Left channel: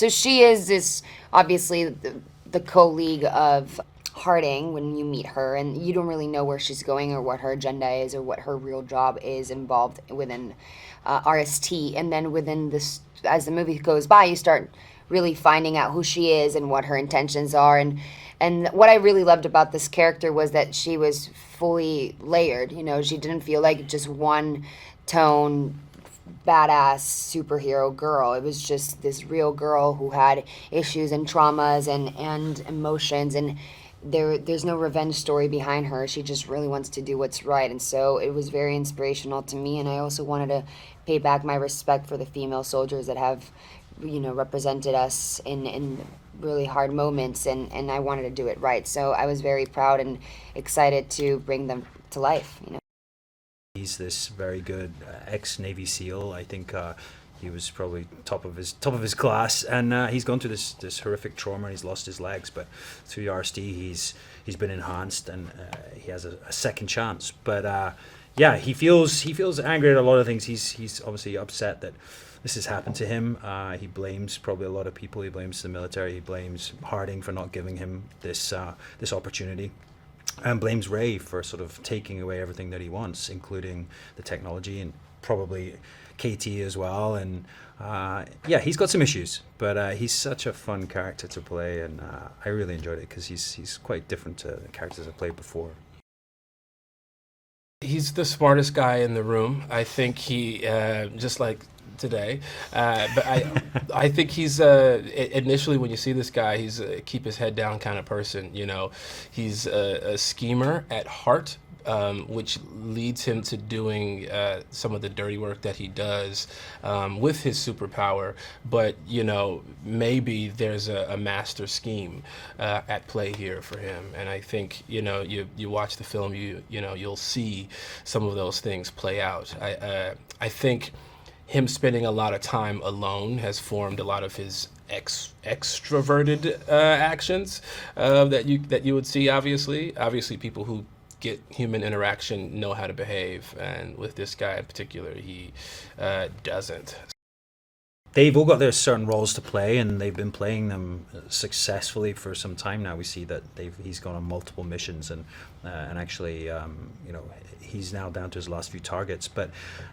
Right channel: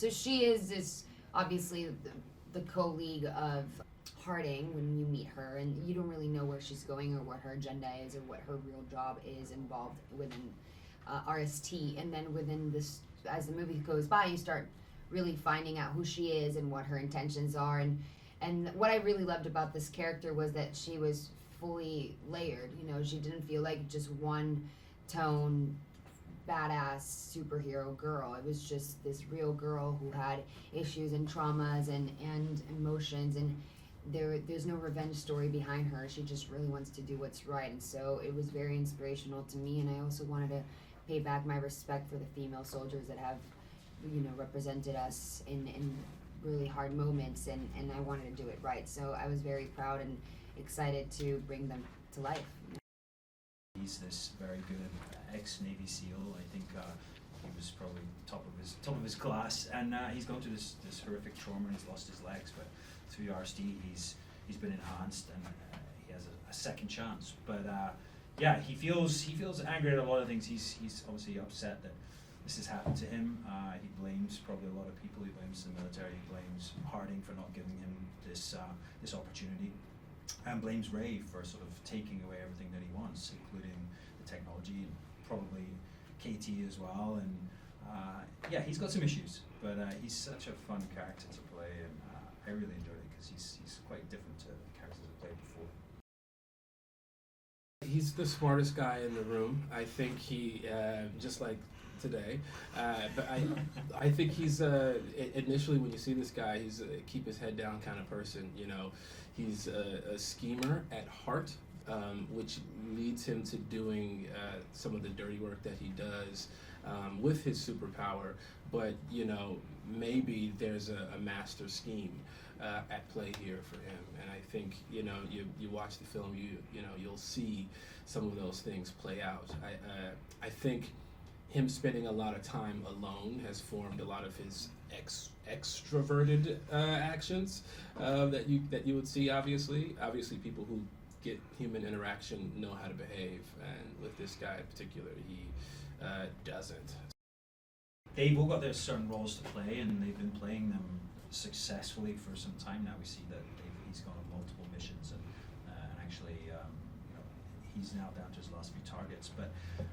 So she is this, obviously, the co-league of Harding when you meet her, and you don't really know where she's going or what her agenda is or what her real job is involved within RST. And then within this, as the movie goes by, you start really finding out who she is and what her intentions are. And what I really loved about this character was that she was fully layered. You know, she didn't feel like just one tone badass superhero girl. It was just this real girl who had issues and traumas and emotions, and there's no revenge story behind her. She just really wants to do what's right. And so it was very inspirational to me, and I also wanted to pay back my respect for the female soldiers that have, represented us in really hard moments, and I wanted to do it right. So I was very proud and excited to bring them to life. He's this very good ex-Navy SEAL. I think he was probably top of his class, and he's gone through this horrific trauma, and he's lost his legs. But through the RSD, he's been enhanced, and he has a second chance. But yeah, he feels angry at a lot of things. He's obviously upset that this has happened to him. He blames probably a lot of people. He blames the military. He blames Harding for not giving him this opportunity, and blames Ray for sort of taking away everything that he wants, including the technology and probably KT as well. And yeah, he's got some issues, but he's such a fun character to play, and I really enjoyed it because he's quite different to the characters I've played before. He's the smartest guy in the room. I think he, just like today, but I think he's initially when you see this guy, he's a keep his head down kind of person. You know, he's a schemer at heart, which leads him to doing some of the dirty work that he does with his superpower. But maybe there's a master scheme at play here for him, and I think you watch the film, you'll see some of those things play out. I think him spending a lot of time alone has formed a lot of his extroverted actions that you would see. Obviously, people who get human interaction know how to behave, and with this guy in particular, he doesn't. They've all got their certain roles to play, and they've been playing them successfully for some time now. We see that he's gone on multiple missions, and actually, he's now down to his last few targets. But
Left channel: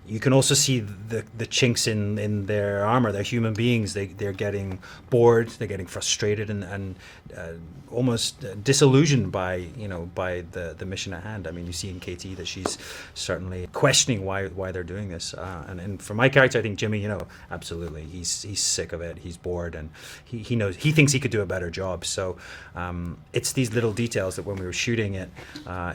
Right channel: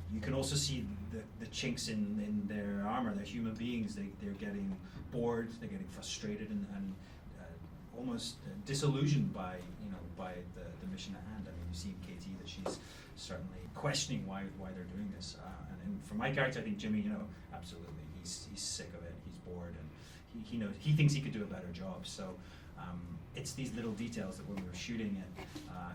you can also see the chinks in their armor. They're human beings. They're getting bored. They're getting frustrated and almost disillusioned by the mission at hand. I mean, you see in KT that she's certainly questioning why they're doing this. And for my character, I think Jimmy, absolutely, he's sick of it. He's bored, and he knows, he thinks he could do a better job. So it's these little details that when we were shooting it,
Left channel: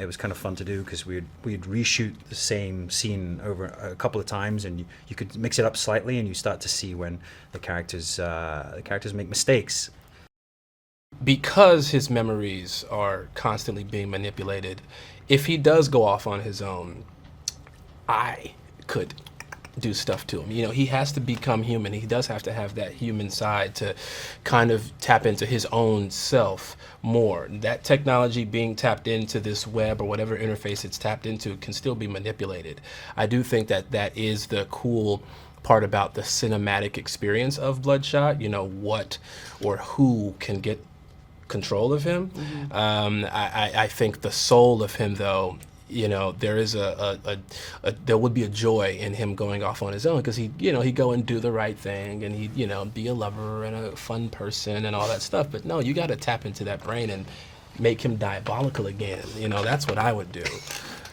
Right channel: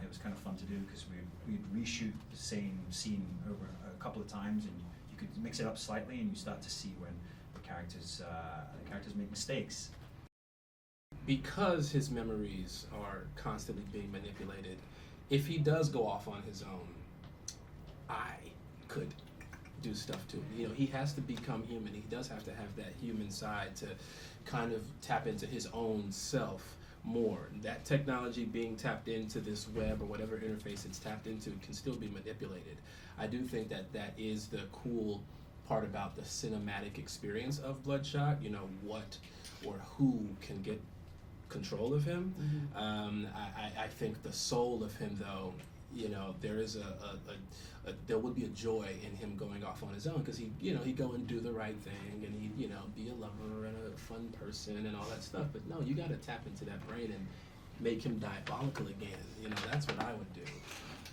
it was kind of fun to do, because we'd reshoot the same scene over a couple of times, and you could mix it up slightly, and you start to see when the characters make mistakes. Because his memories are constantly being manipulated, if he does go off on his own, I could do stuff to him. He has to become human. He does have to have that human side to kind of tap into his own self more. That technology being tapped into this web or whatever interface it's tapped into can still be manipulated. I do think that is the cool part about the cinematic experience of Bloodshot. What or who can get control of him. Mm-hmm. I think the soul of him, though, there is there would be a joy in him going off on his own, because he'd go and do the right thing, and he'd be a lover and a fun person and all that stuff. But no, you got to tap into that brain and make him diabolical again. That's what I would do.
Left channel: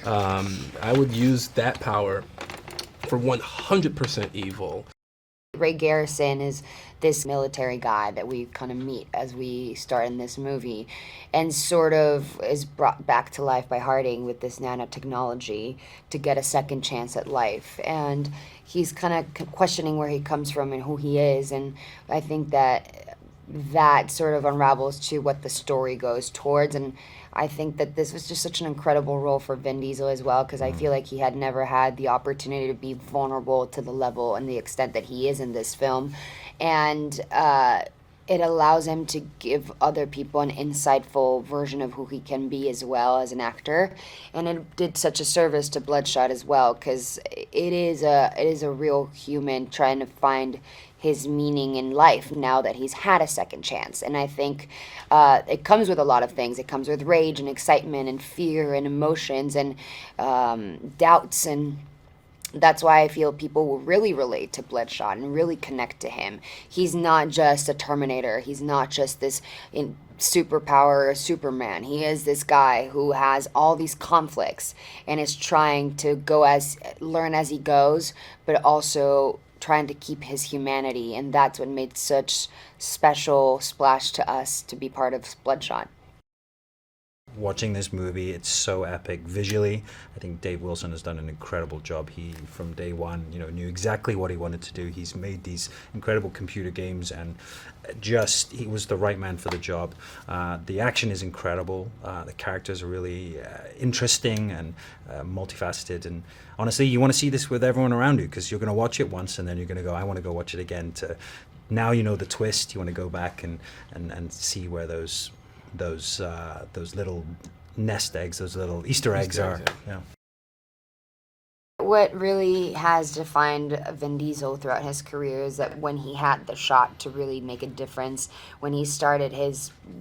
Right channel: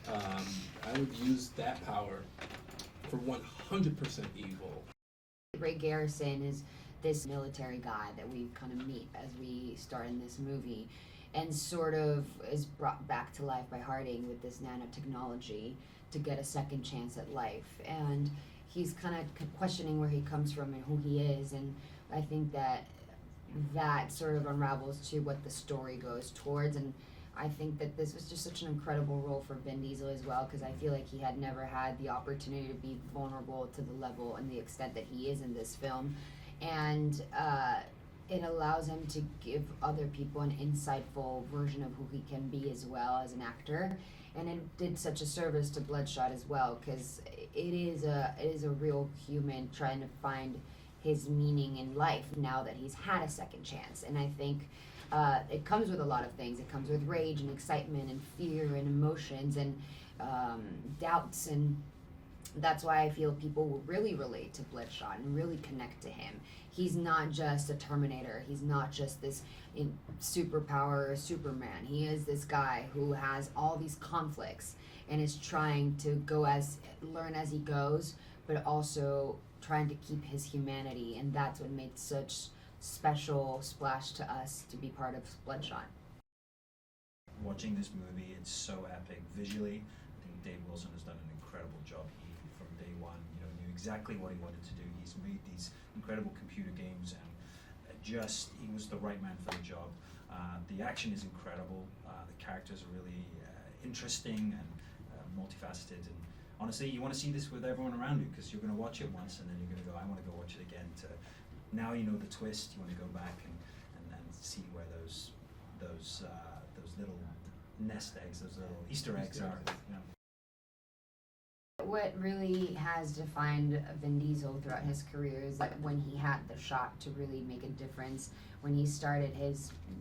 I would use that power for 100% evil. Ray Garrison is this military guy that we kind of meet as we start in this movie, and sort of is brought back to life by Harding with this nanotechnology to get a second chance at life. And he's kind of questioning where he comes from and who he is, and I think that sort of unravels to what the story goes towards. And I think that this was just such an incredible role for Vin Diesel as well, because I feel like he had never had the opportunity to be vulnerable to the level and the extent that he is in this film. And it allows him to give other people an insightful version of who he can be as well as an actor. And it did such a service to Bloodshot as well, because it is a real human trying to find his meaning in life now that he's had a second chance. And I think it comes with a lot of things. It comes with rage and excitement and fear and emotions and doubts, and that's why I feel people will really relate to Bloodshot and really connect to him. He's not just a Terminator. He's not just this superpower Superman. He is this guy who has all these conflicts and is trying to learn as he goes, but also trying to keep his humanity. And that's what made such special splash to us to be part of Bloodshot. Watching this movie, it's so epic visually. I think Dave Wilson has done an incredible job. He, from day one, knew exactly what he wanted to do. He's made these incredible computer games, and he was the right man for the job. The action is incredible. The characters are really interesting and multifaceted. And honestly, you want to see this with everyone around you, because you're going to watch it once and then you're going to go, I want to go watch it again. Now you know the twist. You want to go back and see where those little nest eggs, those little Easter eggs are. Yeah. What really has defined Vin Diesel throughout his career is that when he had the shot to really make a difference, when he started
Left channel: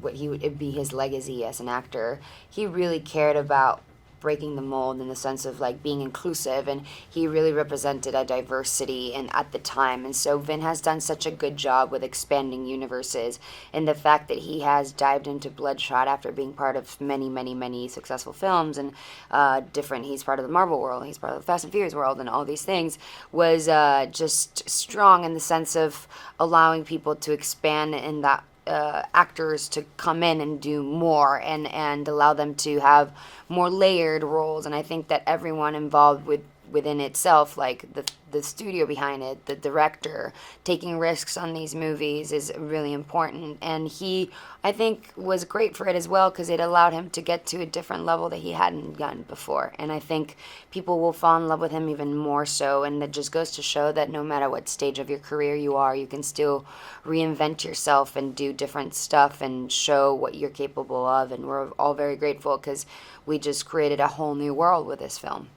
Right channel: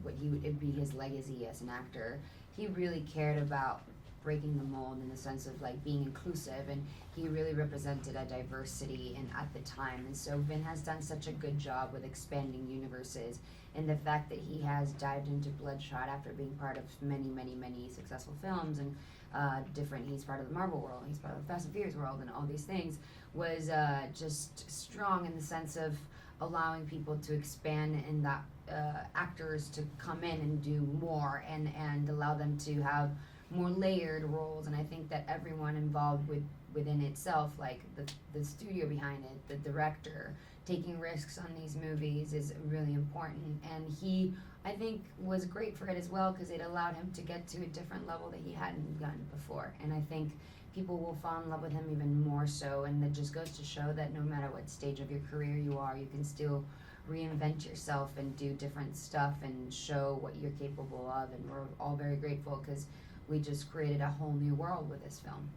what would be his legacy as an actor, he really cared about breaking the mold in the sense of like being inclusive, and he really represented a diversity and at the time. And so Vin has done such a good job with expanding universes, and the fact that he has dived into Bloodshot after being part of many successful films and he's part of the Marvel world, he's part of the Fast and Furious world, and all these things was just strong in the sense of allowing people to expand in that actors to come in and do more and allow them to have more layered roles. And I think that everyone involved within itself, like the studio behind it, the director, taking risks on these movies is really important. And he, I think, was great for it as well, because it allowed him to get to a different level that he hadn't gotten before. And I think people will fall in love with him even more so. And it just goes to show that no matter what stage of your career you are, you can still reinvent yourself and do different stuff and show what you're capable of. And we're all very grateful because we just created a whole new world with this film.